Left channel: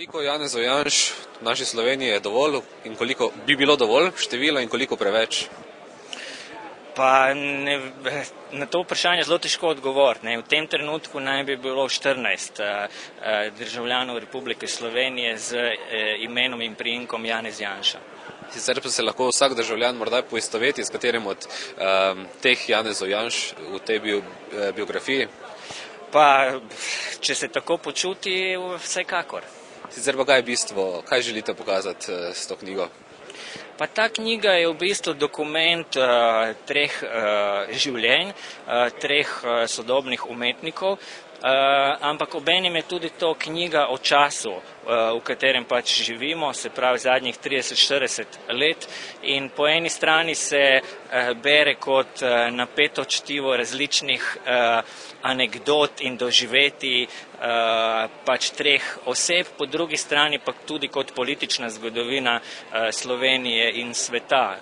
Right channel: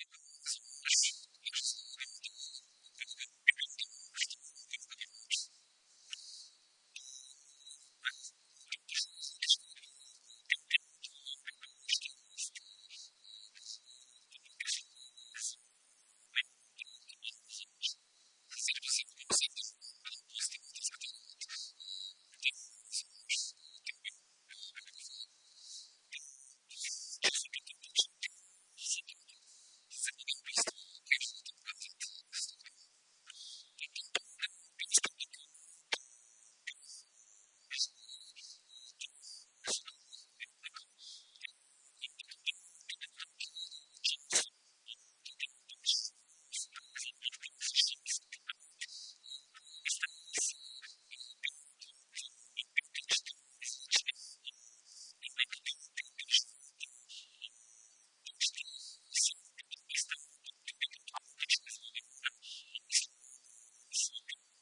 Koliko Janezov Janš v naši Sloveniji je dovolj in koliko bi bilo dovolj število in koliko preveč? Pa na to vprašanje zelo težko odgovoriti. V tem trenutku naj bi bilo 14 državljanov Republike Slovenije z imenom in priimkom Janez Janša. Sicer pa se lahko vsak državljan morda poistoveti s katerim od teh Janezov Janš v tej biografiji? Pa, če se tako počuti, vsekakor. Sicer pa kaj je bistvo, kaj želite pokazati s to knjigo? Pa ta knjiga je v bistvu dokument treh življenj, treh sodobnih umetnikov, ampak obenem je tudi to knjiga o času, v katerem pač živimo, se pravi zadnjih 30-40 let, in po eni strani se bere kot napeto čtivo različnih anekdot in doživetij pač treh oseb, po drugi strani pa tudi kot politična zgodovina Slovenije in sveta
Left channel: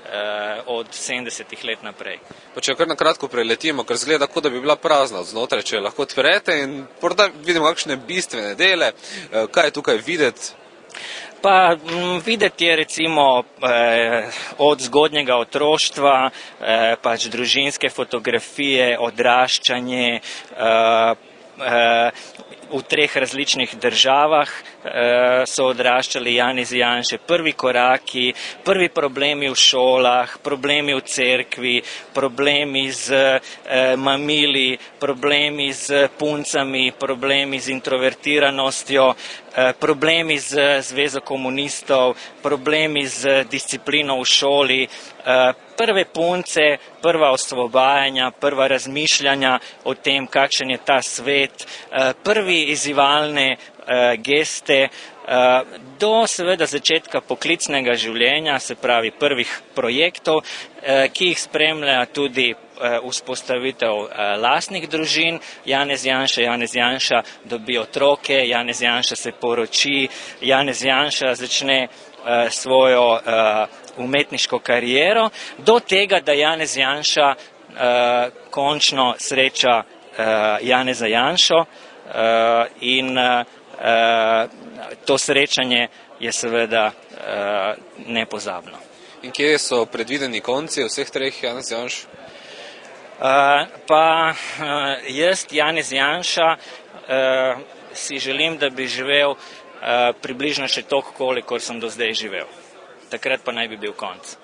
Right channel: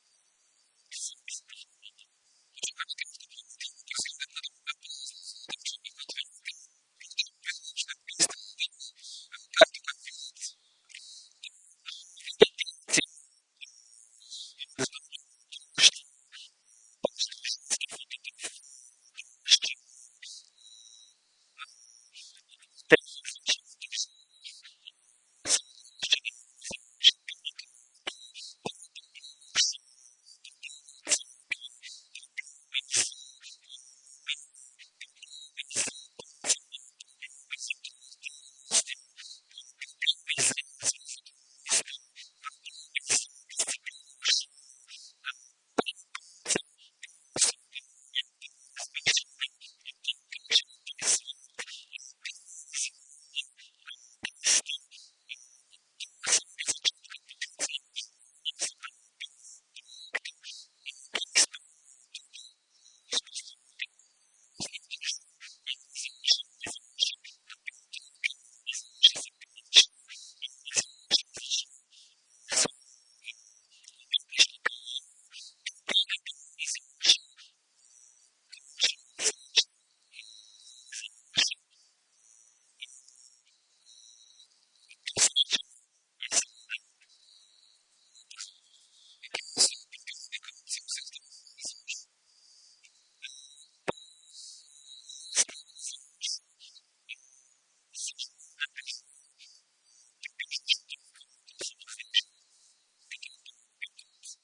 od 70 let naprej. Pa če kar na kratko preletimo, ker zgleda, kot da bi bila prazna od znotraj, če lahko odprete in morda vidimo kakšne bistvene dele, kaj je tukaj videti? Pa videti je recimo od zgodnjega otroštva, pač družinske fotografije, odraščanje, v treh različnih državah so odraščali Janez Janše, prvi koraki, prvi problemi v šolah, problemi v cerkvi, problemi z mamili, problemi z puncami, problemi z introvertiranostjo, problemi z Zvezo komunistov, problemi z disciplino v šoli, prve punce, prva osvobajanja, prva razmišljanja o tem, kakšen je ta svet, prvi izzivalne geste, do seveda začetka poklicnega življenja, se pravi prvih projektov, ki jih spremlja tudi vzpostavitev lastnih družin. Janez Janša dobi otroke, Janez Janša se poroči, Janez Janša začne svojo umetniško kariero, do tega, da Janez Janša končno sreča Janeza Janšo in to srečanje je seveda nepozabno. In kje so predvideni konci vseh treh Janez Janš? Pa jaz, Janez Janša, si želim, da bi živel približno še toliko, kolikor sem do zdaj živel. Takrat pa naj bi bil konec.